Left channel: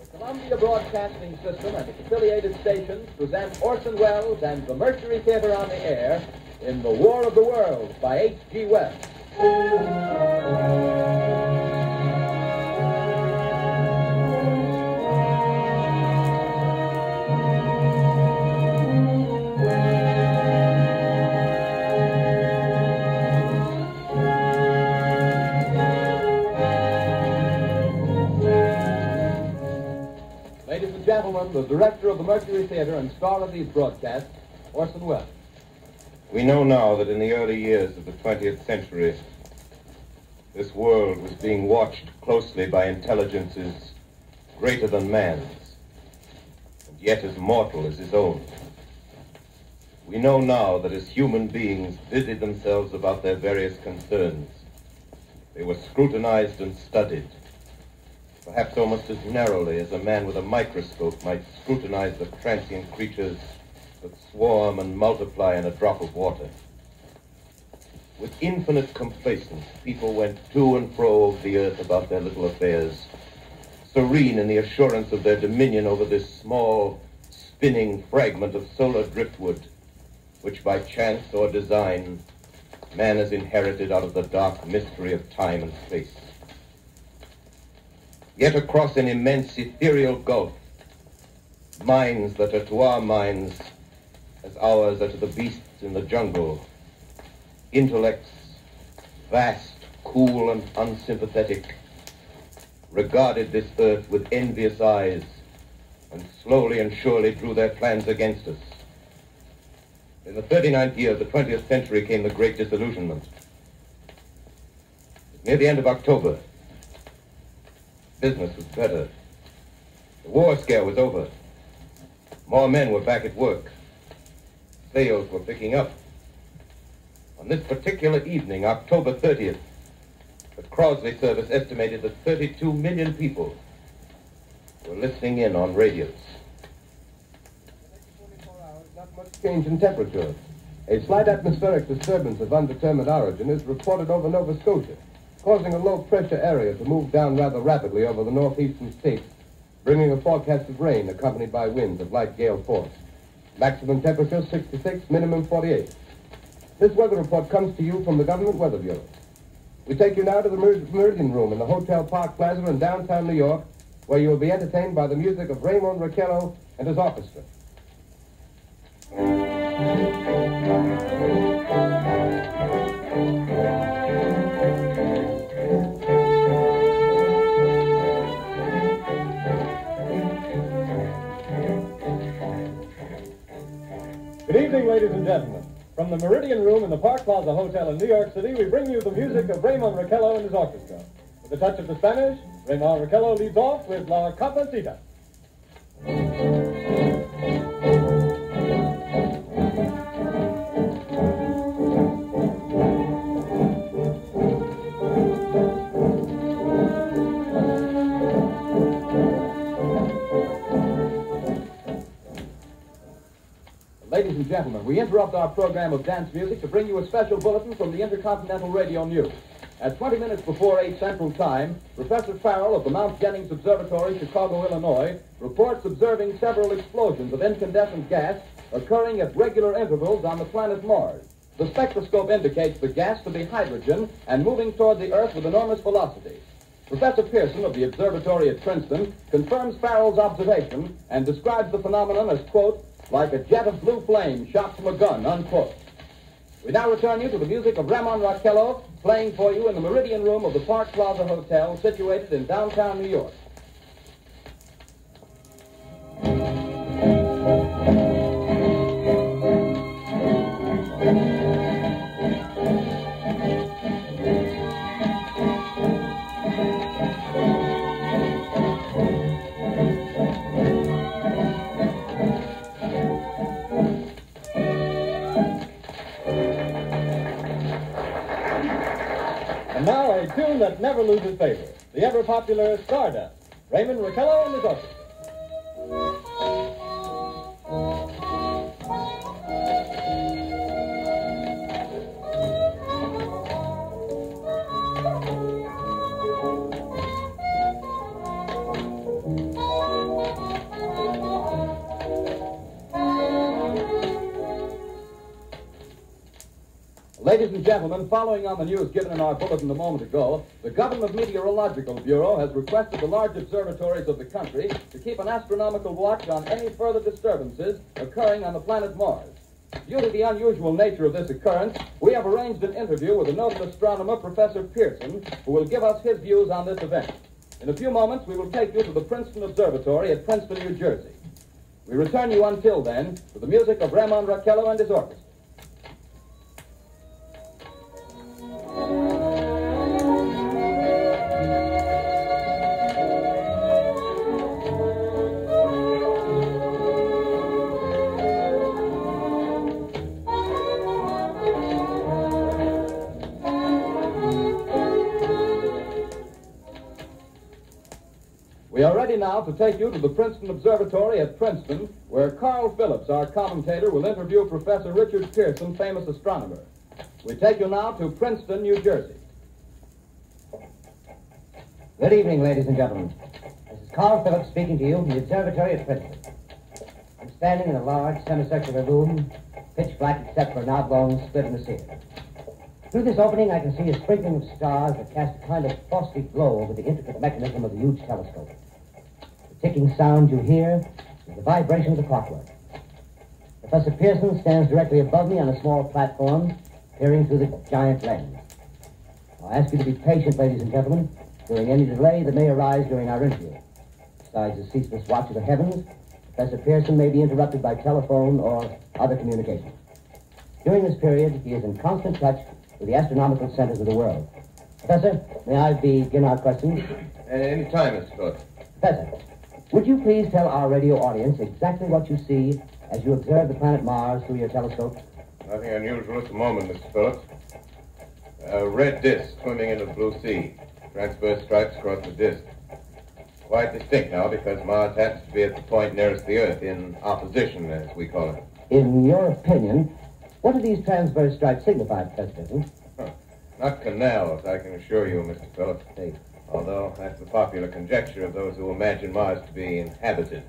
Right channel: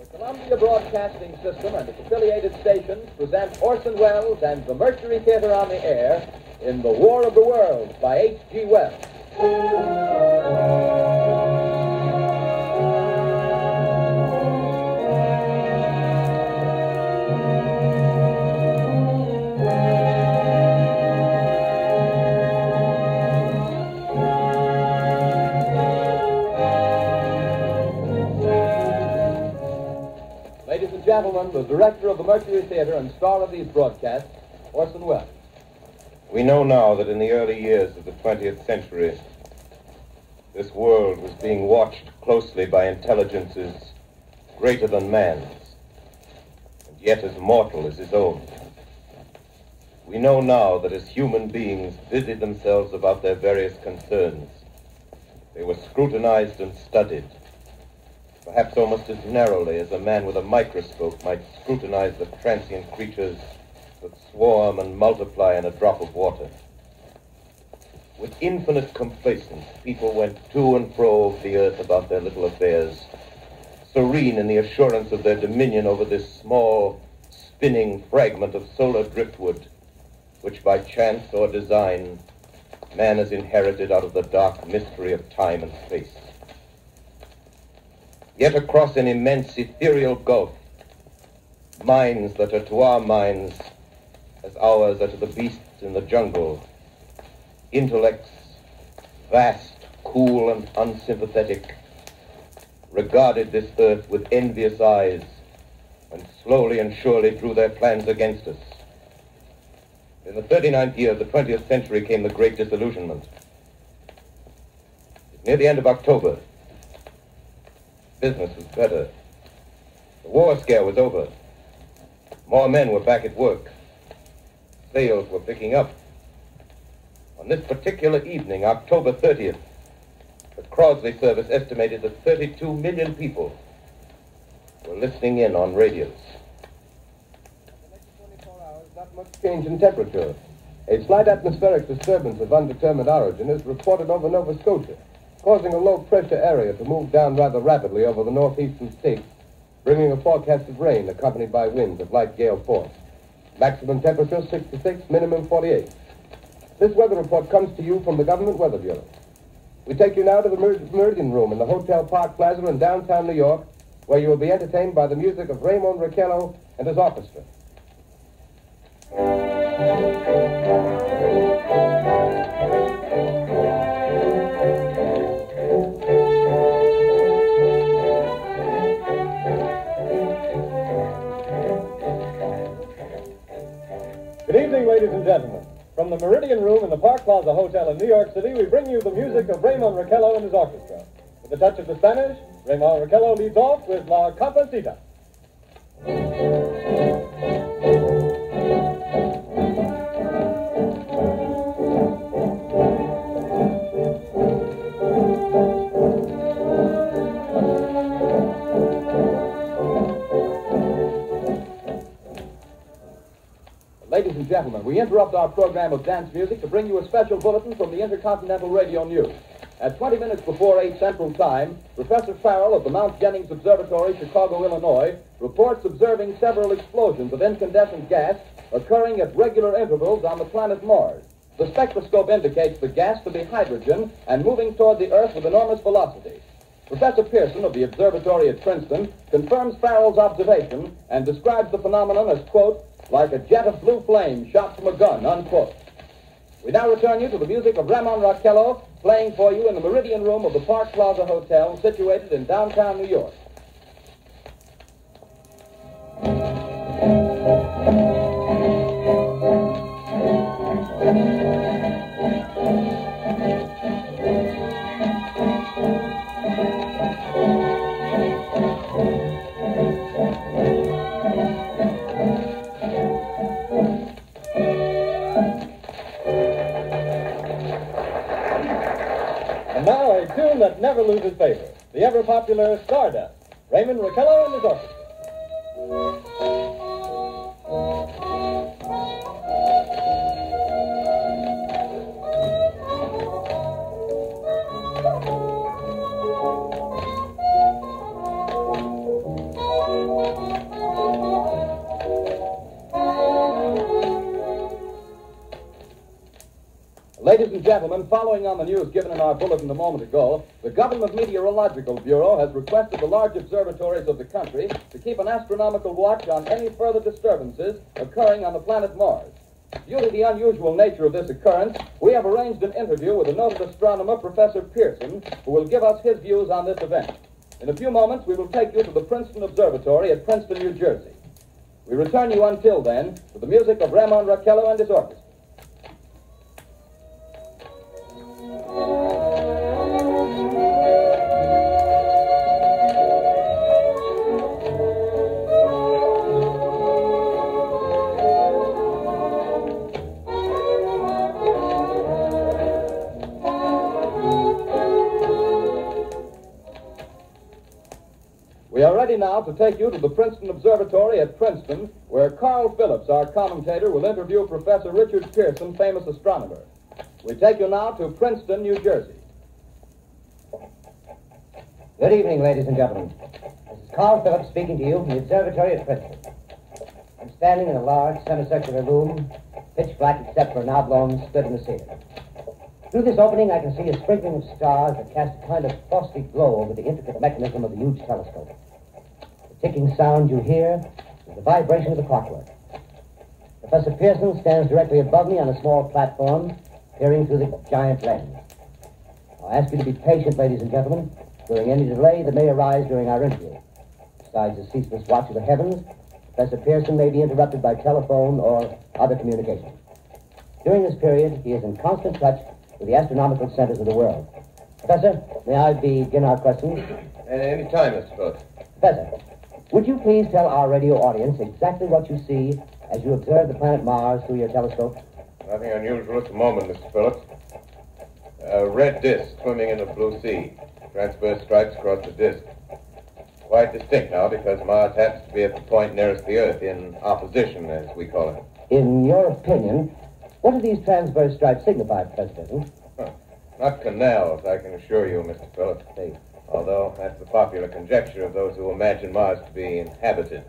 The Columbia Broadcasting System and its affiliated stations present Orson Welles and the Mercury Theater on the air in The War of the Worlds by H.G. Wells. Ladies and gentlemen, the director of the Mercury Theater and star of these broadcasts, Orson Welles. We know now that in the early years of the 20th century, this world was being watched closely by intelligences greater than man's, and yet as mortal as his own. We know now that as human beings busied themselves about their various concerns, they were scrutinized and studied, perhaps almost as narrowly as a man with a microscope might scrutinize the transient creatures that swarm and multiply in a drop of water. With infinite complacence, people went to and fro over the earth about their little affairs, serene in the assurance of their dominion over this small, spinning fragment of solar driftwood, which by chance or design, man has inherited out of the dark mystery of time and space. Yet across an immense ethereal gulf, minds that are to our minds as ours are to the beasts in the jungle, intellects, vast, cool, and unsympathetic, regarded this earth with envious eyes and slowly and surely drew their plans against us. In the 39th year of the 20th century came the Great Disillusionment. Near the end of October, business was better. The war scare was over. More men were back at work. Sales were picking up. On this particular evening, October 30th, the Crosley service estimated that 32 million people were listening in on radios. In the next 24 hours, not much change in temperature. A slight atmospheric disturbance of undetermined origin is reported over Nova Scotia, causing a low-pressure area to move down rather rapidly over the northeastern states, bringing a forecasted rain accompanied by winds of light gale force. Maximum temperature 66, minimum 48. This weather report comes to you from the Government Weather Bureau. We take you now to the Meridian Room in the Hotel Park Plaza in downtown New York, where you will be entertained by the music of Raymond Raquello and his orchestra. Good evening, ladies and gentlemen. From the Meridian Room in the Park Plaza Hotel in New York City, we bring you the music of Raymond Raquello and his orchestra. With a touch of the Spanish, Raymond Raquello leads off with La Capacita. Ladies and gentlemen, we interrupt our program of dance music to bring you a special bulletin from the Intercontinental Radio News. At 20 minutes before 8 Central Time, Professor Farrell of the Mount Jennings Observatory, Chicago, Illinois, reports observing several explosions of incandescent gas occurring at regular intervals on the planet Mars. The spectroscope indicates the gas to be hydrogen and moving toward the Earth with enormous velocity. Professor Pearson of the observatory at Princeton confirms Farrell's observation and describes the phenomenon as, quote, like a jet of blue flame shot from a gun, unquote. We now return you to the music of Raymond Raquello, playing for you in the Meridian Room of the Park Plaza Hotel, situated in downtown New York. And now a tune that never loses favor, the ever-popular Stardust, Raymond Raquello and his orchestra. Ladies and gentlemen, following on the news given in our bulletin a moment ago, the Government Meteorological Bureau has requested the large observatories of the country to keep an astronomical watch on any further disturbances occurring on the planet Mars. Due to the unusual nature of this occurrence, we have arranged an interview with the noted astronomer, Professor Pearson, who will give us his views on this event. In a few moments, we will take you to the Princeton Observatory at Princeton, New Jersey. We return you until then with the music of Ramon Raquello and his orchestra. We are ready now to take you to the Princeton Observatory at Princeton, where Carl Phillips, our commentator, will interview Professor Richard Pearson, famous astronomer. We take you now to Princeton, New Jersey. Good evening, ladies and gentlemen. This is Carl Phillips speaking to you from the observatory at Princeton. I'm standing in a large semicircular room, pitch black except for an oblong slit in the ceiling. Through this opening, I can see a sprinkling of stars that cast a kind of frosty glow over the intricate mechanism of the huge telescope. The ticking sound you hear is the vibration of the clockwork. Professor Pearson stands directly above me on a small platform, peering through the giant lens. I ask you to be patient, ladies and gentlemen, during any delay that may arise during our interview. Besides the ceaseless watch of the heavens, Professor Pearson may be interrupted by telephone or other communication. During this period, he is in constant touch with the astronomical centers of the world. Professor, may I begin our questions? Any time, Mr. Phillips. Professor, would you please tell our radio audience exactly what you see as you observe the planet Mars through your telescope? Nothing unusual at the moment, Mr. Phillips. A red disk swimming in the blue sea. Transverse stripes across the disk. Quite distinct now because Mars happens to be at the point nearest the Earth, in opposition, as we call it. In your opinion, what do these transverse stripes signify, Professor Pearson? Not canals, I can assure you, Mr. Phillips. See. Although that's the popular conjecture of those who imagine Mars to be inhabited.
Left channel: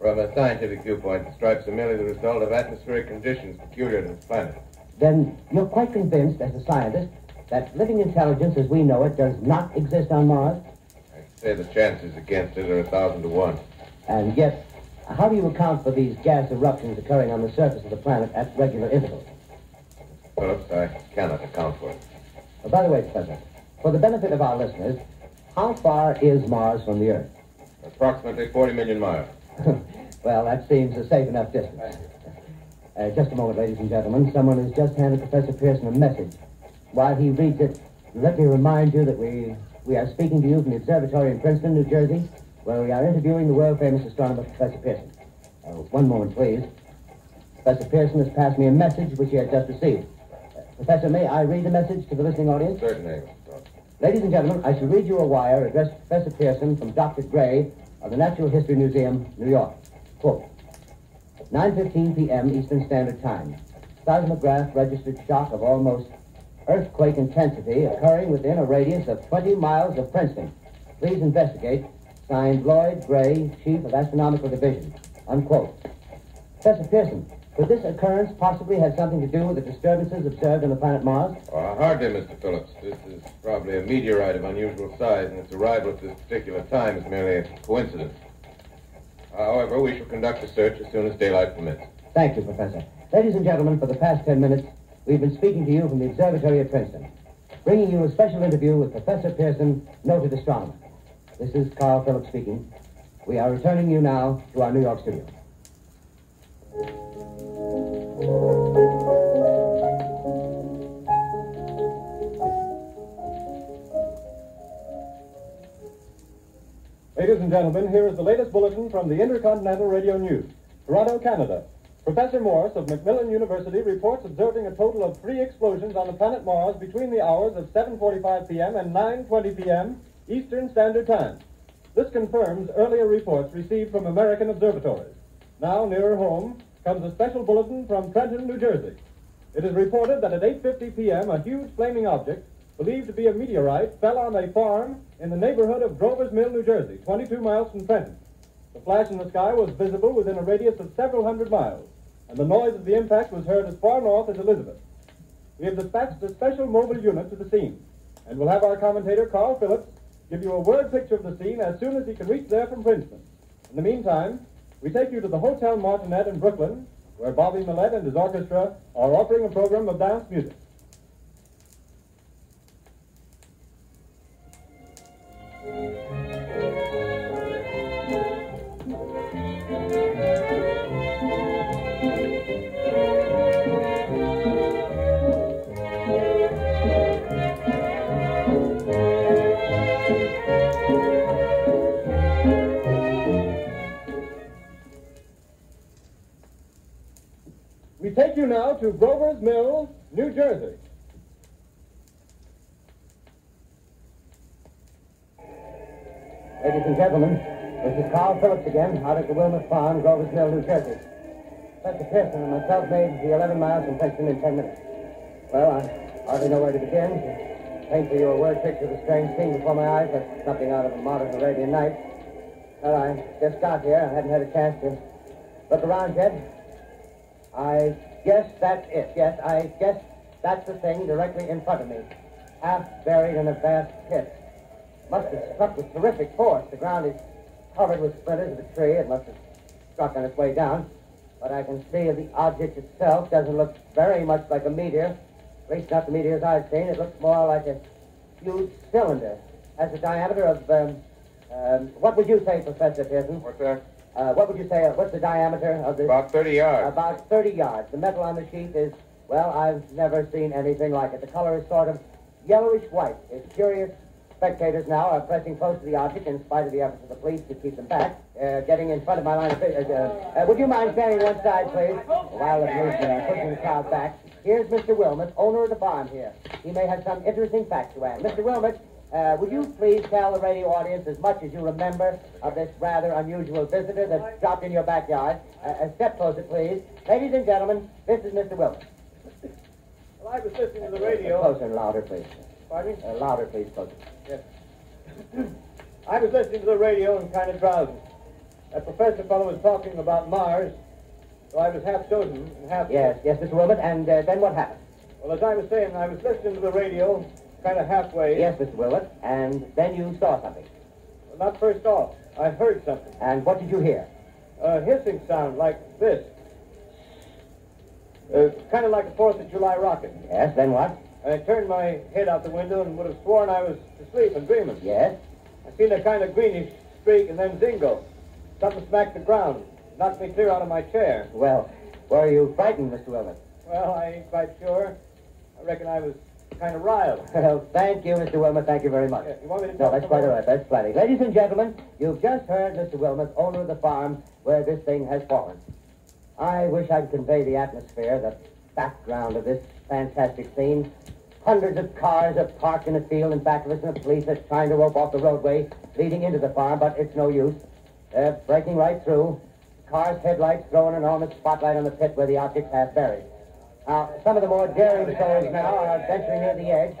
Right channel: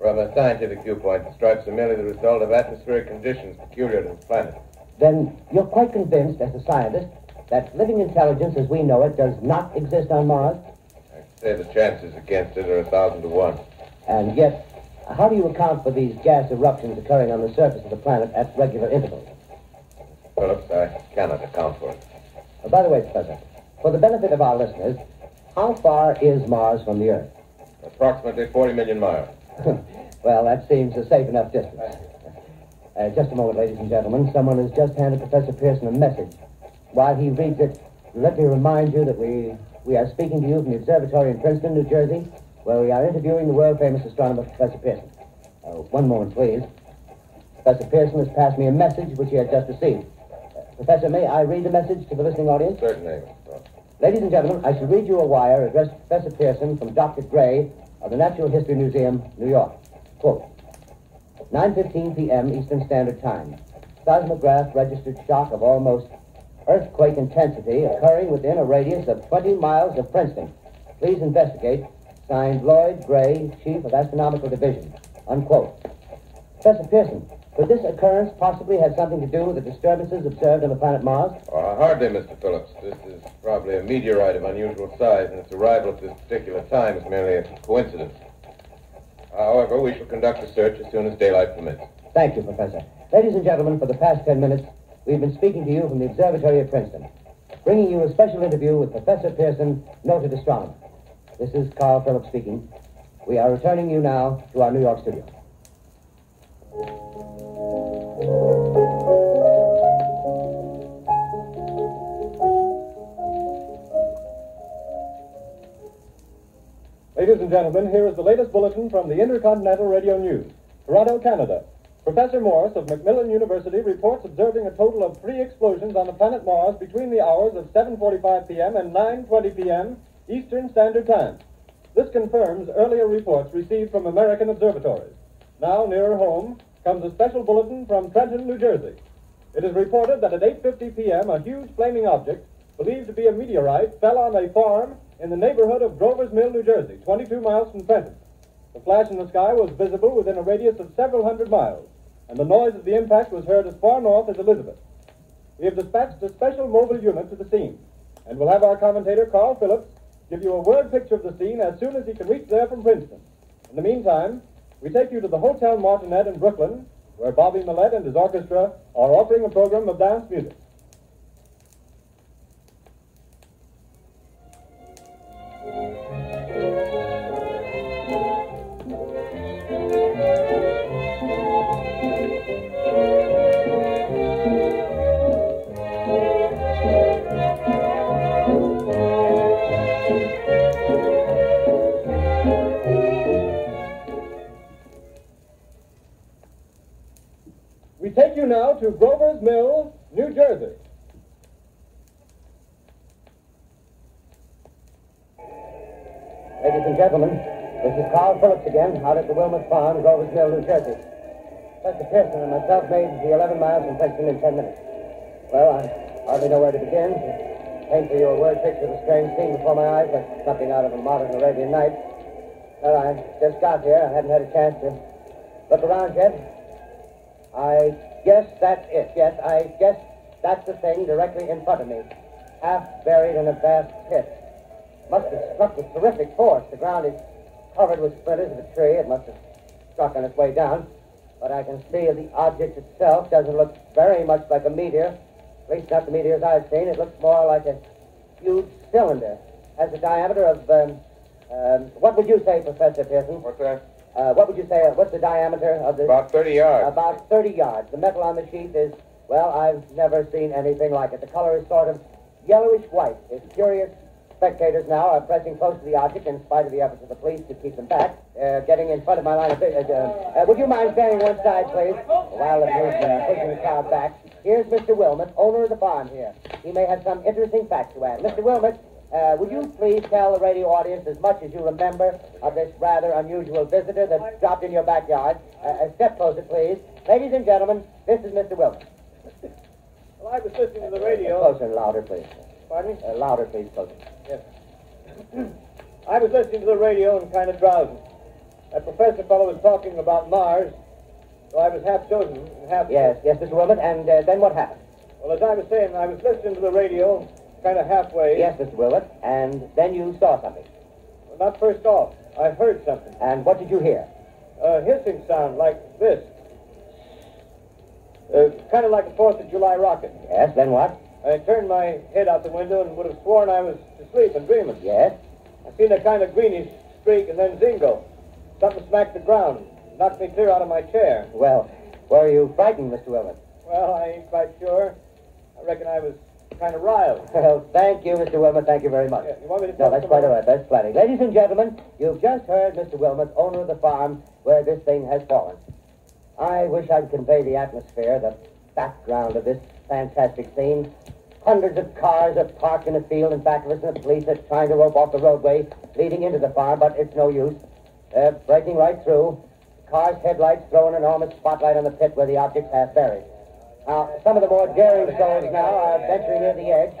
From a scientific viewpoint, the stripes are merely the result of atmospheric conditions peculiar to the planet. Then you're quite convinced, as a scientist, that living intelligence as we know it does not exist on Mars? I'd say the chances against it are 1,000 to 1. And yet, how do you account for these gas eruptions occurring on the surface of the planet at regular intervals? Phillips, I cannot account for it. By the way, Professor, for the benefit of our listeners, how far is Mars from the Earth? Approximately 40 million miles. Well, that seems a safe enough distance. Just a moment, ladies and gentlemen. Someone has just handed Professor Pearson a message. While he reads it, let me remind you that we are speaking to you from the observatory in Princeton, New Jersey, where we are interviewing the world-famous astronomer, Professor Pearson. One moment, please. Professor Pearson has passed me a message which he has just received. Professor, may I read the message to the listening audience? Certainly. Ladies and gentlemen, I shall read you a wire addressed to Professor Pearson from Dr. Gray of the Natural History Museum, New York. Quote, 9:15 p.m. Eastern Standard Time. Seismograph registered shock of almost earthquake intensity occurring within a radius of 20 miles of Princeton. Please investigate. Signed, Lloyd Gray, Chief of Astronomical Division. Unquote. Professor Pearson, could this occurrence possibly have something to do with the disturbances observed on the planet Mars? Hardly, Mr. Phillips. This is probably a meteorite of unusual size, and its arrival at this particular time is merely a coincidence. However, we shall conduct a search as soon as daylight permits. Thank you, Professor. Ladies and gentlemen, for the past 10 minutes, we've been speaking to you from the observatory at Princeton, bringing you a special interview with Professor Pearson, noted astronomer. This is Carl Phillips speaking. We are returning you now to our New York studio. Ladies and gentlemen, here is the latest bulletin from the Intercontinental Radio News. Toronto, Canada. Professor Morse of Macmillan University reports observing a total of 3 explosions on the planet Mars between the hours of 7:45 p.m. and 9:20 p.m. Eastern Standard Time. This confirms earlier reports received from American observatories. Now, nearer home, comes a special bulletin from Trenton, New Jersey. It is reported that at 8:50 p.m., a huge flaming object, believed to be a meteorite, fell on a farm in the neighborhood of Grover's Mill, New Jersey, 22 miles from Trenton. The flash in the sky was visible within a radius of several hundred miles, and the noise of the impact was heard as far north as Elizabeth. we have dispatched a special mobile unit to the scene, and we'll have our commentator, Carl Phillips, give you a word picture of the scene as soon as he can reach there from Princeton. In the meantime, we take you to the Hotel Martinet in Brooklyn, where Bobby Millette and his orchestra are offering a program of dance music. We take you now to Grover's Mill, New Jersey. Ladies and gentlemen, this is Carl Phillips again, out at the Wilmot Farm, Grover's Mill, New Jersey. Professor Pearson and myself made the 11 miles from Princeton in 10 minutes. Well, I hardly know where to begin. To paint for you a word picture of a strange scene before my eyes, like something out of a modern Arabian Nights. Well, I just got here. I hadn't had a chance to look around yet. I guess that's it. Yes, I guess that's the thing directly in front of me. Half buried in a vast pit. Must have struck with terrific force. The ground is covered with splinters of a tree. It must have struck on its way down. But I can see the object itself doesn't look very much like a meteor. At least not the meteors I've seen. It looks more like a huge cylinder. Has a diameter of, what would you say, Professor Pearson? What's that? What would you say, what's the diameter of this? About 30 yards. About 30 yards. The metal on the sheath is, well, I've never seen anything like it. The color is sort of yellowish white. It's curious. Spectators now are pressing close to the object in spite of the efforts of the police to keep them back, getting in front of my line of vision. Would you mind standing one side, please? While the police are pushing the crowd back. Here's Mr. Wilmot, owner of the farm here. He may have some interesting facts to add. Mr. Wilmot, would you please tell the radio audience as much as you remember of this rather unusual visitor that dropped in your backyard? A step closer, please. Ladies and gentlemen, this is Mr. Wilmot. Well, I was listening to the radio. Closer and louder, please. Pardon me? Louder, please, closer. Yes. I was listening to the radio and kind of drowsy. That professor fellow was talking about Mars, so I was half dozing and half... Yes, Mr. Wilmot, and then what happened? Well, as I was saying, I was listening to the radio, kind of halfway. Yes, Mr. Wilmot, and then you saw something. Well, not first off. I heard something. And what did you hear? A hissing sound like this. Kind of like a 4th of July rocket. Yes, then what? I turned my head out the window and would have sworn I was asleep and dreaming. Yes? I seen a kind of greenish streak and then zingo. Something smacked the ground. Knocked me clear out of my chair. Well, were you frightened, Mr. Wilmot? Well, I ain't quite sure. I reckon I was kind of riled. Well, thank you, Mr. Wilmot. Thank you very much. Yeah, you want me to No, talk that's some quite more? all right. That's plenty. Ladies and gentlemen, you've just heard Mr. Wilmot, owner of the farm where this thing has fallen. I wish I'd convey the atmosphere, the background of this fantastic scene. Hundreds of cars are parked in a field in back of us, and the police are trying to rope off the roadway leading into the farm, but it's no use. They're breaking right through. The car's headlights throw an enormous spotlight on the pit where the object's half buried. Now, some of the more daring souls now are venturing near the edge.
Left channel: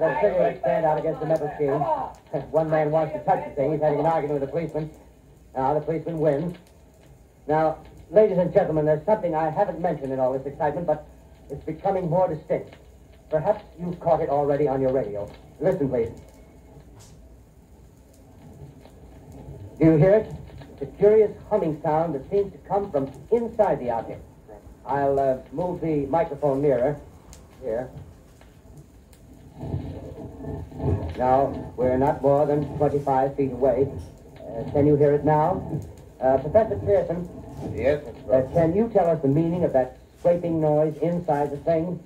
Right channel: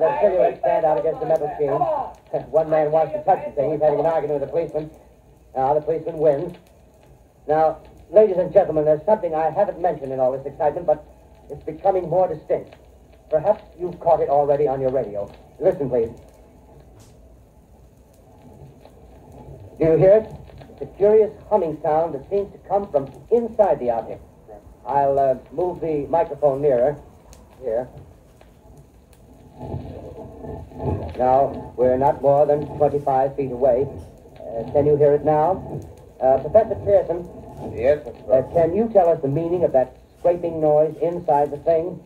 Their cigarettes stand out against the metal sheen. One man wants to touch the thing. He's having an argument with the policeman. Now, the policeman wins. Now, ladies and gentlemen, there's something I haven't mentioned in all this excitement, but it's becoming more distinct. Perhaps you've caught it already on your radio. Listen, please. Do you hear it? It's a curious humming sound that seems to come from inside the object. I'll move the microphone nearer. Here. Now, we're not more than 25 feet away. Can you hear it now? Professor Pearson. Yes, Can you tell us the meaning of that scraping noise inside the thing?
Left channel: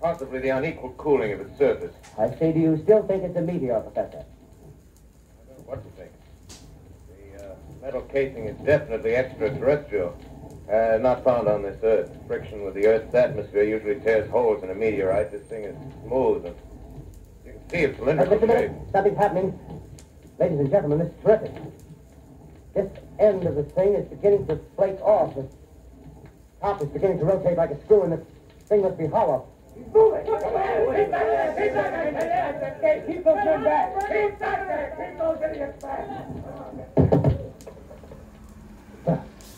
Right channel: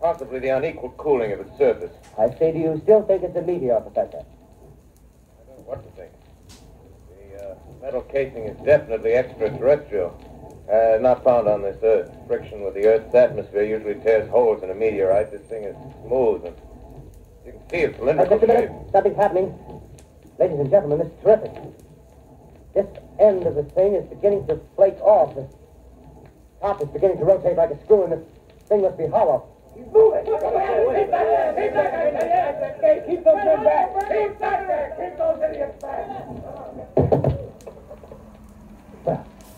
possibly the unequal cooling of its surface. I say, do you still think it's a meteor, Professor? I don't know what to think. The metal casing is definitely extraterrestrial. Not found on this Earth. Friction with the Earth's atmosphere usually tears holes in a meteorite. This thing is smooth, and you can see it's cylindrical Just a shape. minute. Something's happening. Ladies and gentlemen, this is terrific. This end of the thing is beginning to flake off. The top is beginning to rotate like a screw, and the thing must be hollow. He's moving. Keep back. Keep back. Keep those men back. Keep back. Keep those idiots back.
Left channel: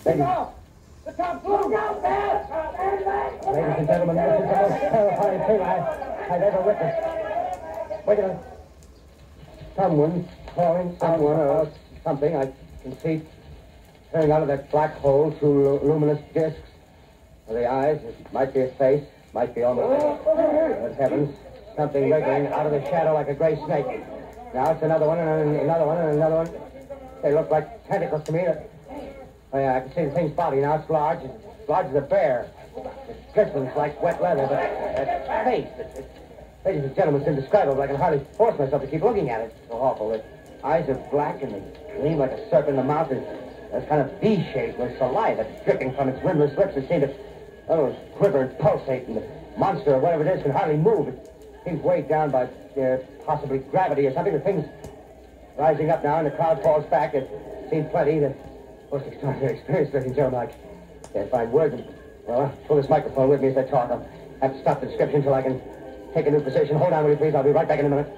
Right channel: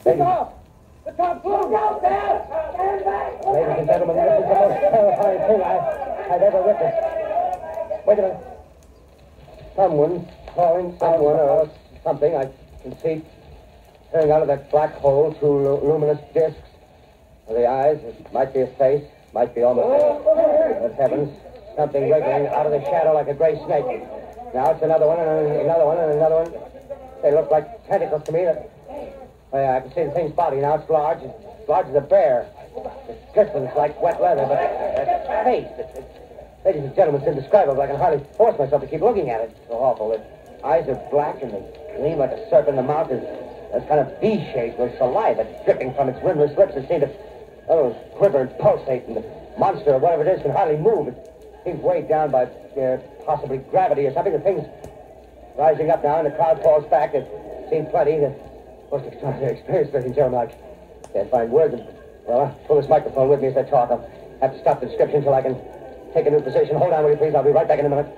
Ladies, Off. The The cops, look out there! Stand back! Ladies and gentlemen, this is the most terrifying thing I've ever witnessed. Wait a minute. Someone calling someone or something. I can see peering out of that black hole through luminous discs. The eyes, it might be a face, might be almost Good heavens, something wriggling out of the shadow like a gray snake. Now it's another one, and another one, and another one. They look like tentacles to me. Oh, yeah, I can see the thing's body now. It's large as a bear. It glistens like wet leather, but that face, ladies and gentlemen, it's indescribable. I can hardly force myself to keep looking at it. It's so awful. The eyes are black, and they gleam like a serpent. The mouth is kind of V-shaped with saliva dripping from its windless lips. It seems to quiver and pulsate, and the monster, or whatever it is, can hardly move. It seems weighed down by possibly gravity or something. The thing's rising up now, and the crowd falls back. They've seen plenty. The most extraordinary experience, ladies and gentlemen. I can't find words. Well, I'll pull this microphone with me as I talk. I'll have to stop the description until I can take a new position. Hold on, will you please? I'll be right back in a minute.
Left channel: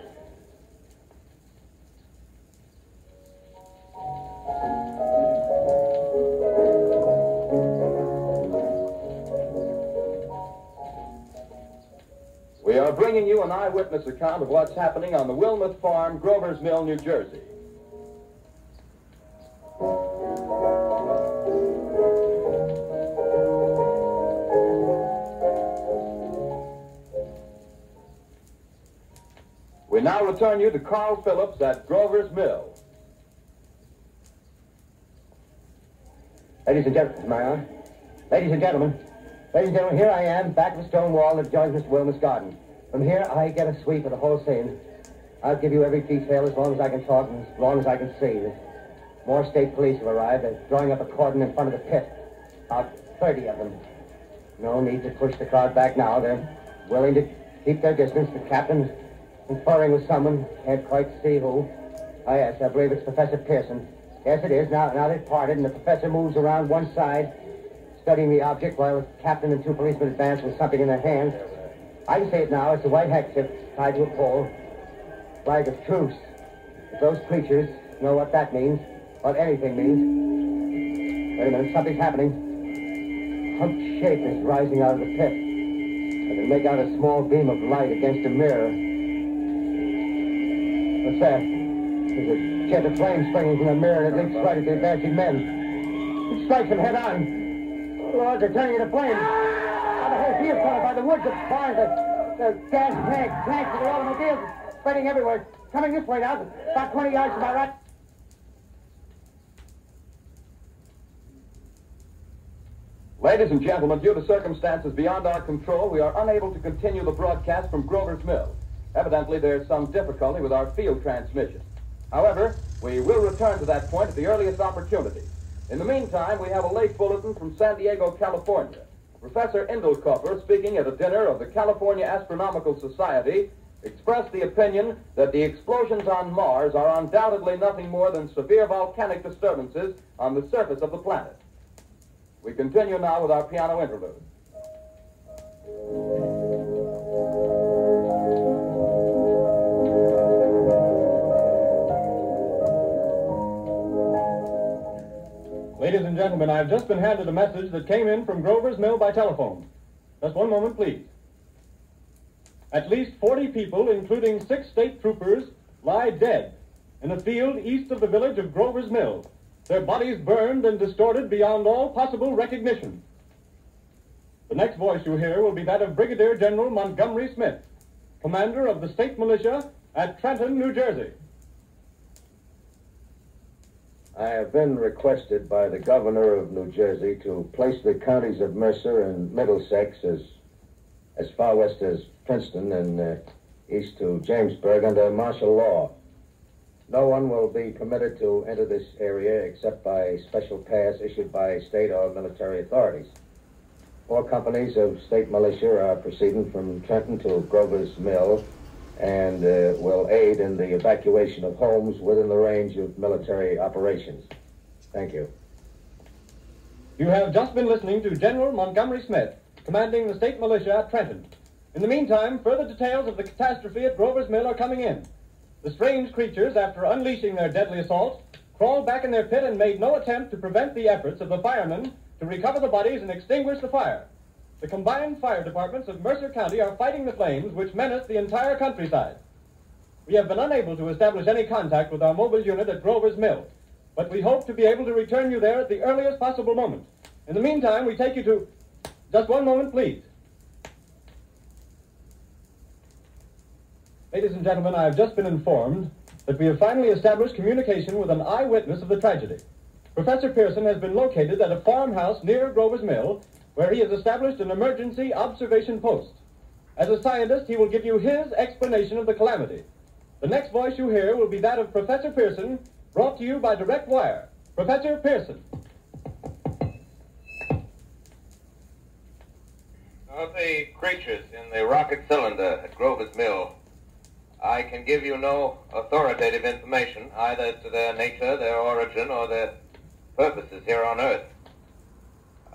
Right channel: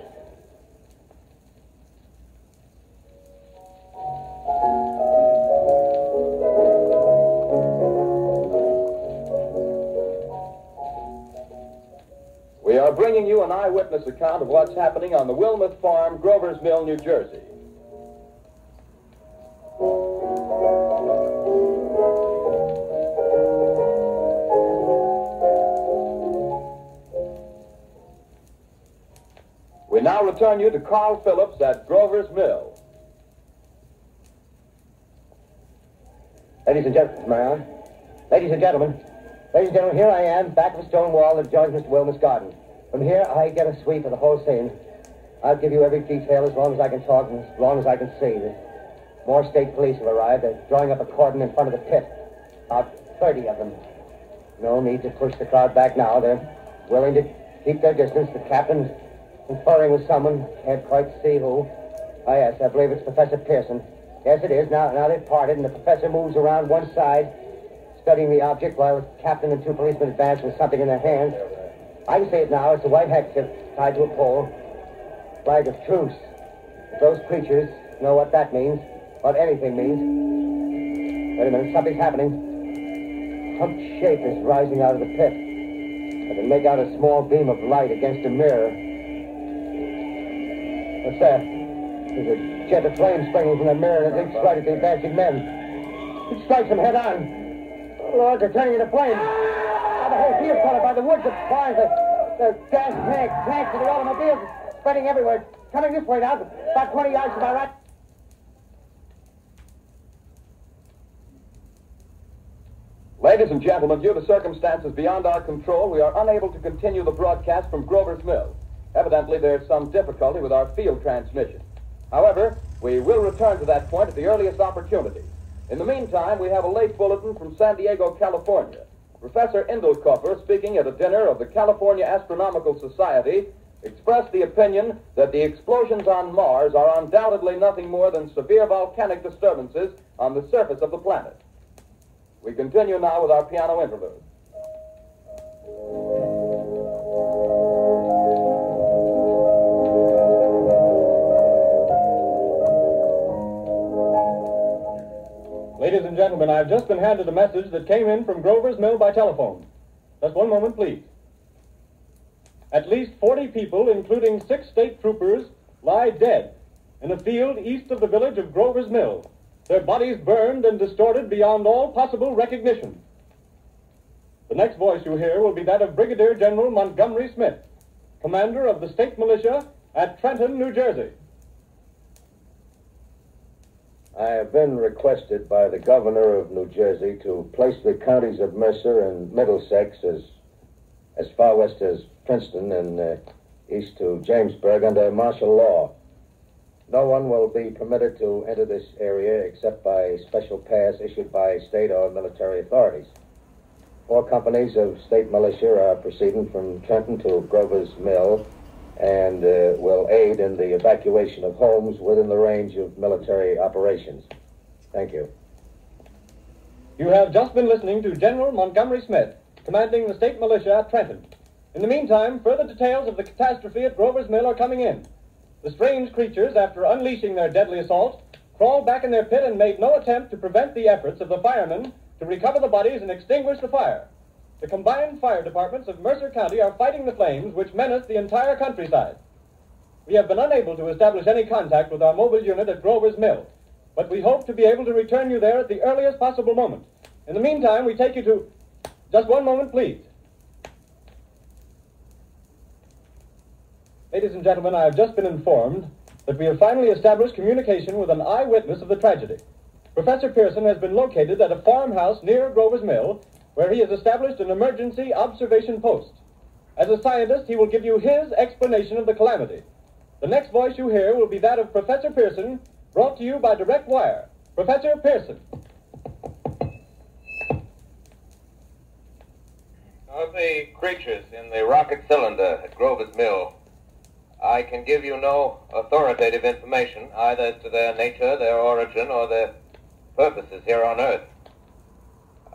We are bringing you an eyewitness account of what's happening on the Wilmot Farm, Grover's Mill, New Jersey. We now return you to Carl Phillips at Grover's Mill. Ladies and gentlemen, am I on? Ladies and gentlemen, here I am, back of the stone wall that joins Mr. Wilmot's garden. From here, I get a sweep of the whole scene. I'll give you every detail as long as I can talk and as long as I can see. More state police have arrived. They're drawing up a cordon in front of the pit. About 30 of them. No need to push the crowd back now. They're willing to keep their distance. The captain's conferring with someone. Can't quite see who. Oh, yes, I believe it's Professor Pearson. Yes, it is. Now they've parted, and the professor moves around one side, studying the object while the captain and two policemen advance with something in their hands. I can see it now. It's a white handkerchief tied to a pole. Flag of truce. If those creatures know what that means, what anything means. Wait a minute, something's happening. Some shape is rising out of the pit. I can make out a small beam of light against a mirror. What's that? There's a jet of flame springing from the mirror and it leaps right at the advancing men. It strikes them head on. Lord, they're turning into flames. The whole field's caught up by the woods, the barns, the gas tanks of the automobiles, spreading everywhere. Coming this way now, about 20 yards to my right. Ladies and gentlemen, due to circumstances beyond our control, we are unable to continue the broadcast from Grover's Mill. Evidently, there's some difficulty with our field transmission. However, we will return to that point at the earliest opportunity. In the meantime, we have a late bulletin from San Diego, California. Professor Indelkoffer, speaking at a dinner of the California Astronomical Society, expressed the opinion that the explosions on Mars are undoubtedly nothing more than severe volcanic disturbances on the surface of the planet. We continue now with our piano interlude. Ladies and gentlemen, I've just been handed a message that came in from Grover's Mill by telephone. Just one moment, please. At least 40 people, including 6 state troopers, lie dead in a field east of the village of Grover's Mill. Their bodies burned and distorted beyond all possible recognition. The next voice you hear will be that of Brigadier General Montgomery Smith, commander of the state militia at Trenton, New Jersey. I have been requested by the governor of New Jersey to place the counties of Mercer and Middlesex as far west as Princeton and east to Jamesburg under martial law. No one will be permitted to enter this area except by a special pass issued by state or military authorities. 4 companies of state militia are proceeding from Trenton to Grover's Mill and will aid in the evacuation of homes within the range of military operations. Thank you. You have just been listening to General Montgomery Smith, commanding the state militia at Trenton. In the meantime, further details of the catastrophe at Grover's Mill are coming in. The strange creatures, after unleashing their deadly assault, crawled back in their pit and made no attempt to prevent the efforts of the firemen to recover the bodies and extinguish the fire. The combined fire departments of Mercer County are fighting the flames which menace the entire countryside. We have been unable to establish any contact with our mobile unit at Grover's Mill, but we hope to be able to return you there at the earliest possible moment. In the meantime, we take you to... Just one moment, please. Ladies and gentlemen, I have just been informed that we have finally established communication with an eyewitness of the tragedy. Professor Pearson has been located at a farmhouse near Grover's Mill, where he has established an emergency observation post. As a scientist, he will give you his explanation of the calamity. The next voice you hear will be that of Professor Pearson, brought to you by direct wire. Professor Pearson. Of the creatures in the rocket cylinder at Grover's Mill, I can give you no authoritative information, either to their nature, their origin, or their purposes here on Earth.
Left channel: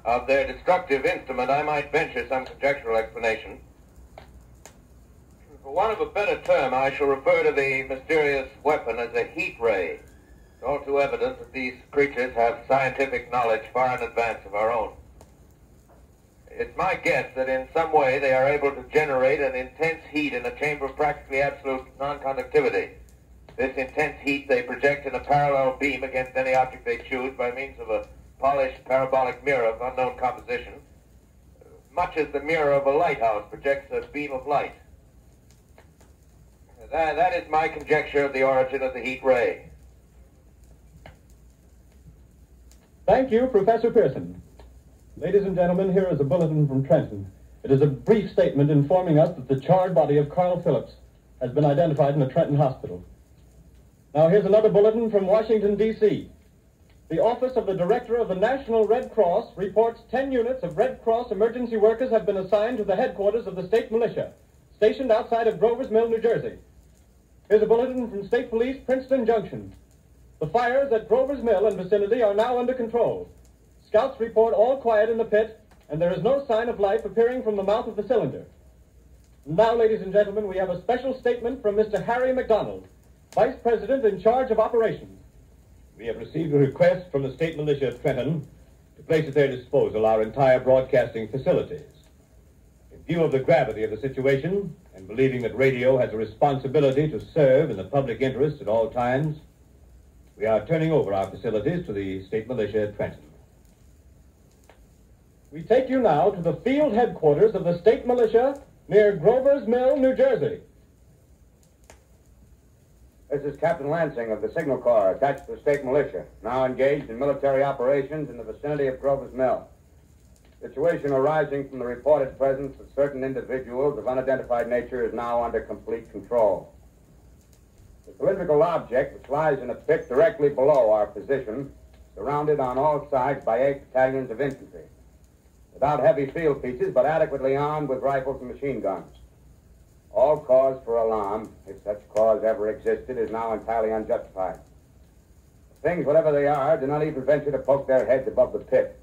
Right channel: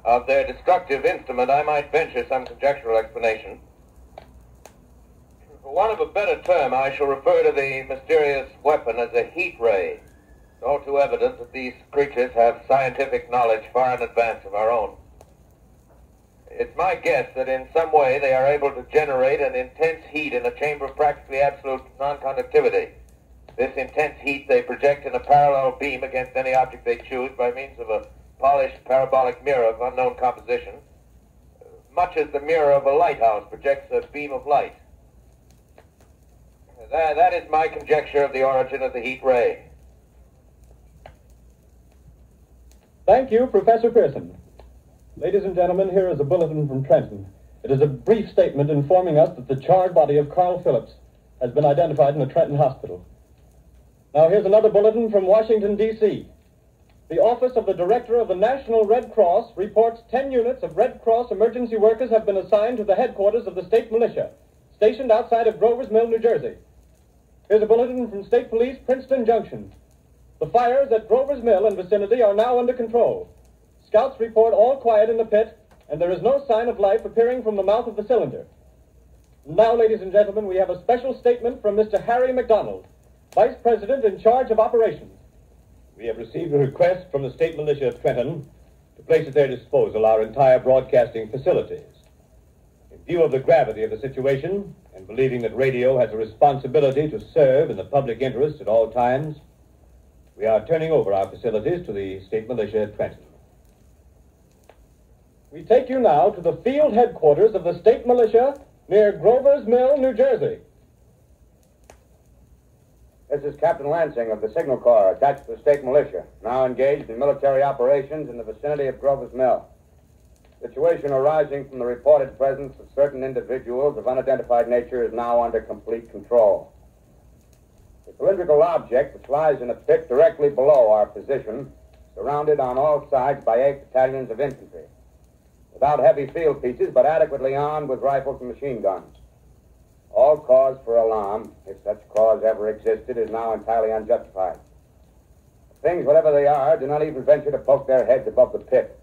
Of their destructive instrument, I might venture some conjectural explanation. For want of a better term, I shall refer to the mysterious weapon as a heat ray. It's all too evident that these creatures have scientific knowledge far in advance of our own. It's my guess that in some way they are able to generate an intense heat in a chamber of practically absolute non-conductivity. This intense heat they project in a parallel beam against any object they choose by means of a polished parabolic mirror of unknown composition, much as the mirror of a lighthouse projects a beam of light. That is my conjecture of the origin of the heat ray. Thank you, Professor Pearson. Ladies and gentlemen, here is a bulletin from Trenton. It is a brief statement informing us that the charred body of Carl Phillips has been identified in the Trenton Hospital. Now here's another bulletin from Washington, D.C. The Office of the Director of the National Red Cross reports 10 units of Red Cross emergency workers have been assigned to the headquarters of the state militia, stationed outside of Grover's Mill, New Jersey. Here's a bulletin from State Police, Princeton Junction. The fires at Grover's Mill and vicinity are now under control. Scouts report all quiet in the pit, and there is no sign of life appearing from the mouth of the cylinder. Now, ladies and gentlemen, we have a special statement from Mr. Harry McDonald, Vice President in charge of operations. We have received a request from the state militia of Trenton to place at their disposal our entire broadcasting facilities. In view of the gravity of the situation, and believing that radio has a responsibility to serve in the public interest at all times, we are turning over our facilities to the state militia at Trenton. We take you now to the field headquarters of the state militia near Grover's Mill, New Jersey. This is Captain Lansing of the Signal Corps, attached to the state militia, now engaged in military operations in the vicinity of Grover's Mill. Situation arising from the reported presence of certain individuals of unidentified nature is now under complete control. The cylindrical object, which lies in a pit directly below our position, surrounded on all sides by 8 battalions of infantry, without heavy field pieces, but adequately armed with rifles and machine guns. All cause for alarm, if such cause ever existed, is now entirely unjustified. Things, whatever they are, do not even venture to poke their heads above the pit.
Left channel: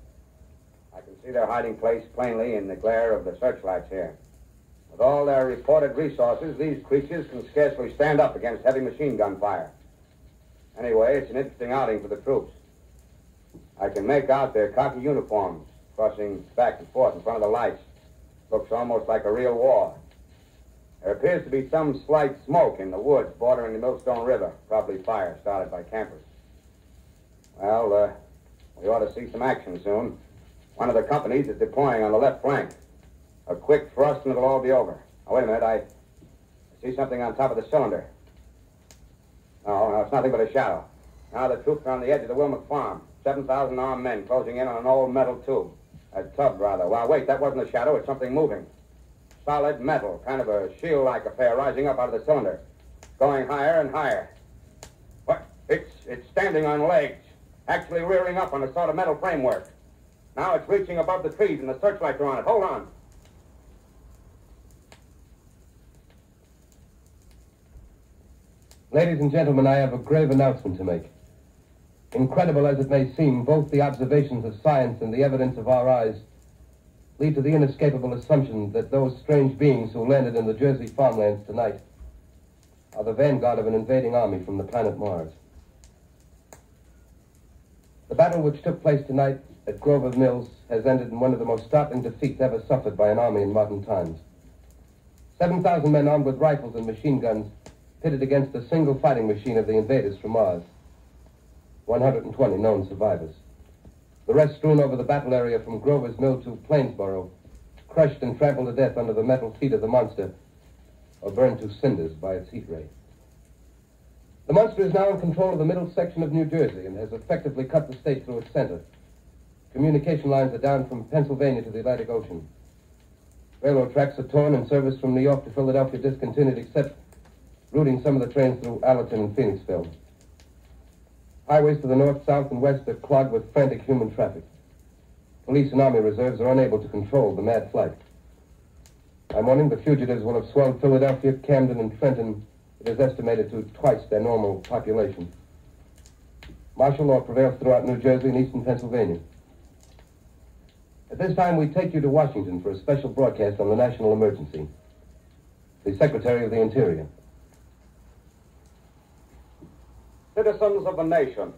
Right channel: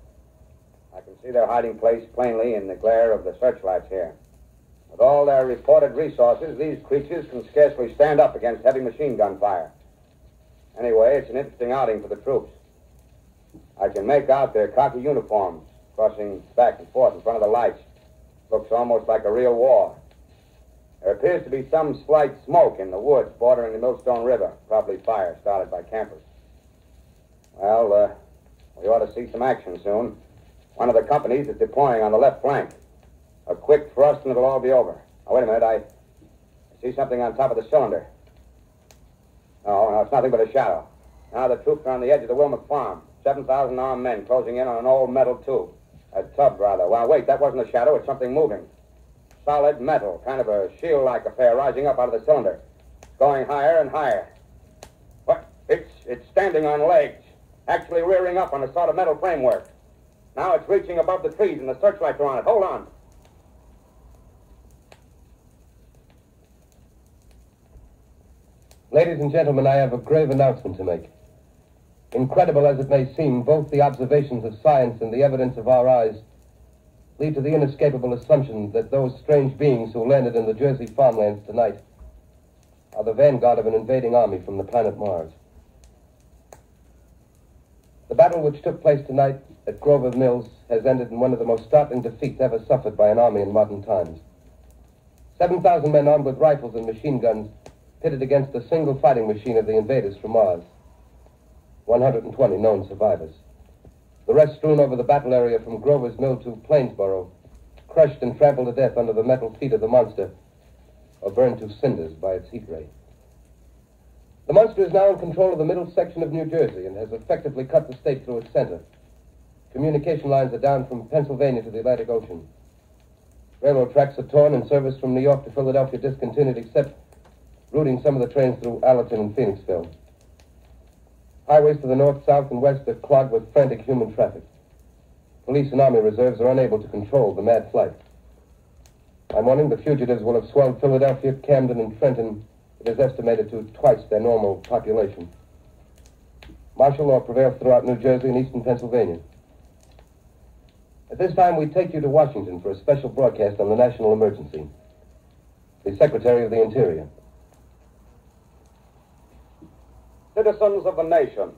I can see their hiding place plainly in the glare of the searchlights here. With all their reported resources, these creatures can scarcely stand up against heavy machine gun fire. Anyway, it's an interesting outing for the troops. I can make out their khaki uniforms crossing back and forth in front of the lights. Looks almost like a real war. There appears to be some slight smoke in the woods bordering the Millstone River, probably fire started by campers. Well, we ought to see some action soon. One of the companies is deploying on the left flank. A quick thrust and it'll all be over. Now, wait a minute, I see something on top of the cylinder. No, it's nothing but a shadow. Now the troops are on the edge of the Wilmot Farm. 7,000 armed men closing in on an old metal tube. A tub, rather. Well, wait, that wasn't a shadow, it's something moving. Solid metal, kind of a shield-like affair rising up out of the cylinder. Going higher and higher. What? It's standing on legs. Actually rearing up on a sort of metal framework. Now it's reaching above the trees and the searchlights are on it. Hold on. Ladies and gentlemen, I have a grave announcement to make. Incredible as it may seem, both the observations of science and the evidence of our eyes lead to the inescapable assumption that those strange beings who landed in the Jersey farmlands tonight are the vanguard of an invading army from the planet Mars. The battle which took place tonight at Grover's Mills has ended in one of the most startling defeats ever suffered by an army in modern times. 7,000 men armed with rifles and machine guns pitted against a single fighting machine of the invaders from Mars. 120 known survivors. The rest strewn over the battle area from Grover's Mill to Plainsboro, crushed and trampled to death under the metal feet of the monster, or burned to cinders by its heat ray. The monster is now in control of the middle section of New Jersey and has effectively cut the state through its center. Communication lines are down from Pennsylvania to the Atlantic Ocean. Railroad tracks are torn and service from New York to Philadelphia discontinued, except routing some of the trains through Allerton and Phoenixville. Highways to the north, south, and west are clogged with frantic human traffic. Police and army reserves are unable to control the mad flight. By morning, the fugitives will have swelled Philadelphia, Camden, and Trenton. It is estimated to twice their normal population. Martial law prevails throughout New Jersey and eastern Pennsylvania. At this time, we take you to Washington for a special broadcast on the national emergency. The Secretary of the Interior. Citizens of the nation,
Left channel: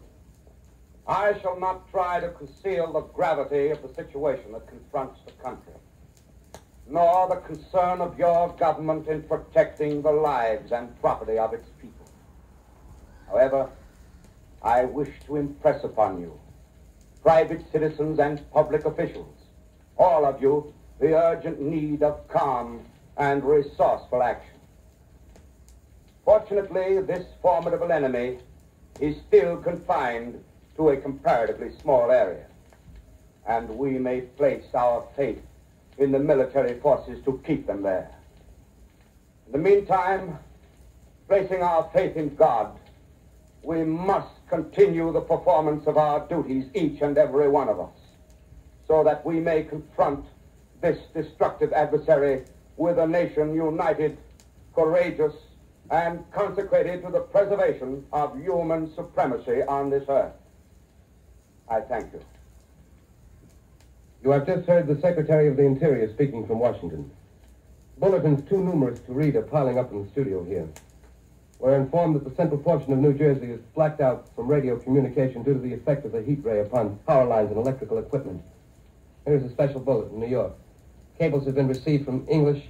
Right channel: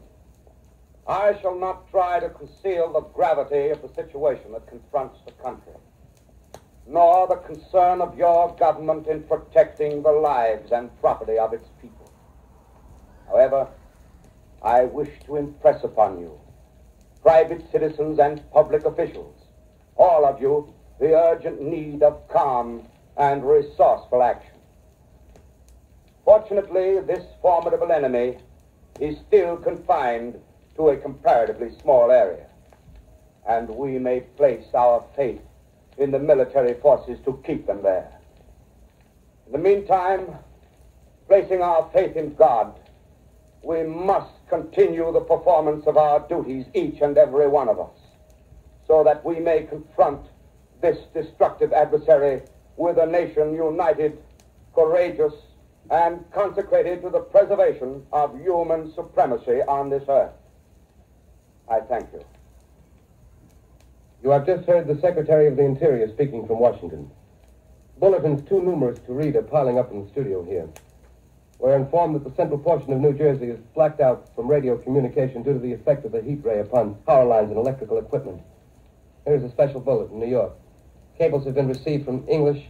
I shall not try to conceal the gravity of the situation that confronts the country, nor the concern of your government in protecting the lives and property of its people. However, I wish to impress upon you, private citizens and public officials, all of you, the urgent need of calm and resourceful action. Fortunately, this formidable enemy is still confined to a comparatively small area, and we may place our faith in the military forces to keep them there. In the meantime, placing our faith in God, we must continue the performance of our duties, each and every one of us, so that we may confront this destructive adversary with a nation united, courageous, and consecrated to the preservation of human supremacy on this earth. I thank you. You have just heard the Secretary of the Interior speaking from Washington. Bulletins too numerous to read are piling up in the studio here. We're informed that the central portion of New Jersey is blacked out from radio communication due to the effect of the heat ray upon power lines and electrical equipment. Here's a special bulletin in New York. Cables have been received from English,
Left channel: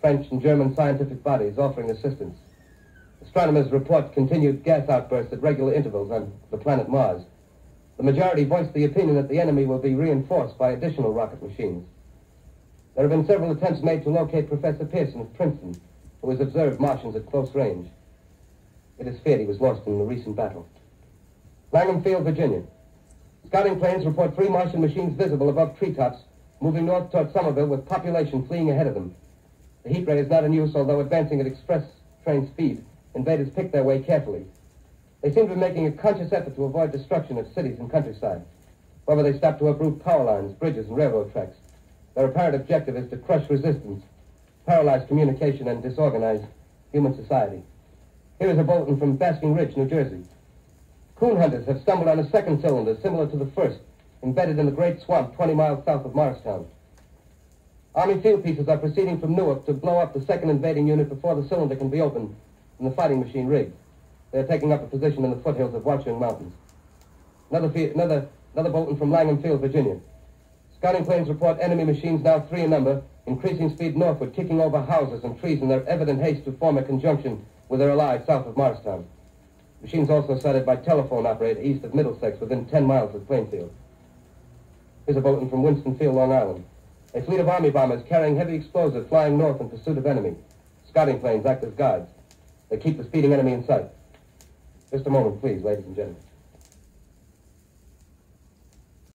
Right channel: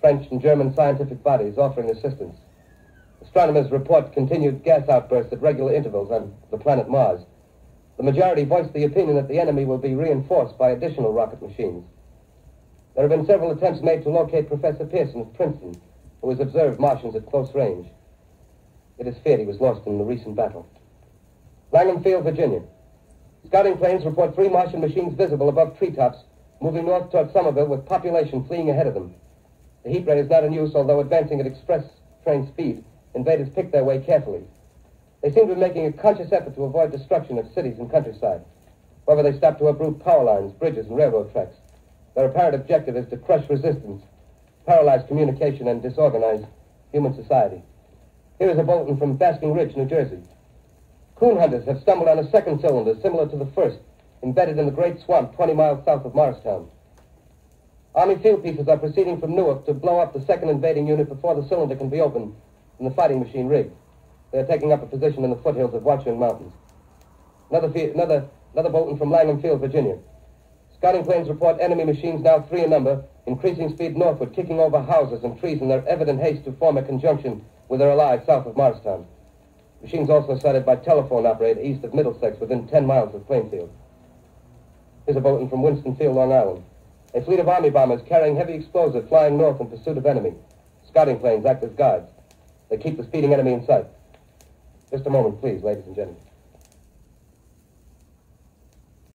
French, and German scientific bodies offering assistance. Astronomers report continued gas outbursts at regular intervals on the planet Mars. The majority voiced the opinion that the enemy will be reinforced by additional rocket machines. There have been several attempts made to locate Professor Pearson of Princeton, who has observed Martians at close range. It is feared he was lost in the recent battle. Langham Field, Virginia. Scouting planes report 3 Martian machines visible above treetops, moving north toward Somerville with population fleeing ahead of them. The heat ray is not in use, although advancing at express train speed. Invaders pick their way carefully. They seem to be making a conscious effort to avoid destruction of cities and countryside. However, they stop to uproot power lines, bridges, and railroad tracks. Their apparent objective is to crush resistance, paralyze communication, and disorganize human society. Here is a bulletin from Basking Ridge, New Jersey. Coon hunters have stumbled on a second cylinder similar to the first, embedded in the Great Swamp 20 miles south of Morristown. Army field pieces are proceeding from Newark to blow up the second invading unit before the cylinder can be opened and the fighting machine rigged. They are taking up a position in the foothills of Watchung Mountains. Another bulletin from Langham Field, Virginia. Scouting planes report enemy machines, now 3 in number, increasing speed northward, kicking over houses and trees in their evident haste to form a conjunction with their allies south of Morristown. Machines also sighted by telephone operator east of Middlesex, within 10 miles of Plainfield. Here's a bulletin from Winston-Field, Long Island. A fleet of army bombers carrying heavy explosives flying north in pursuit of enemy. Scouting planes act as guides. They keep the speeding enemy in sight. Just a moment, please, ladies and gentlemen.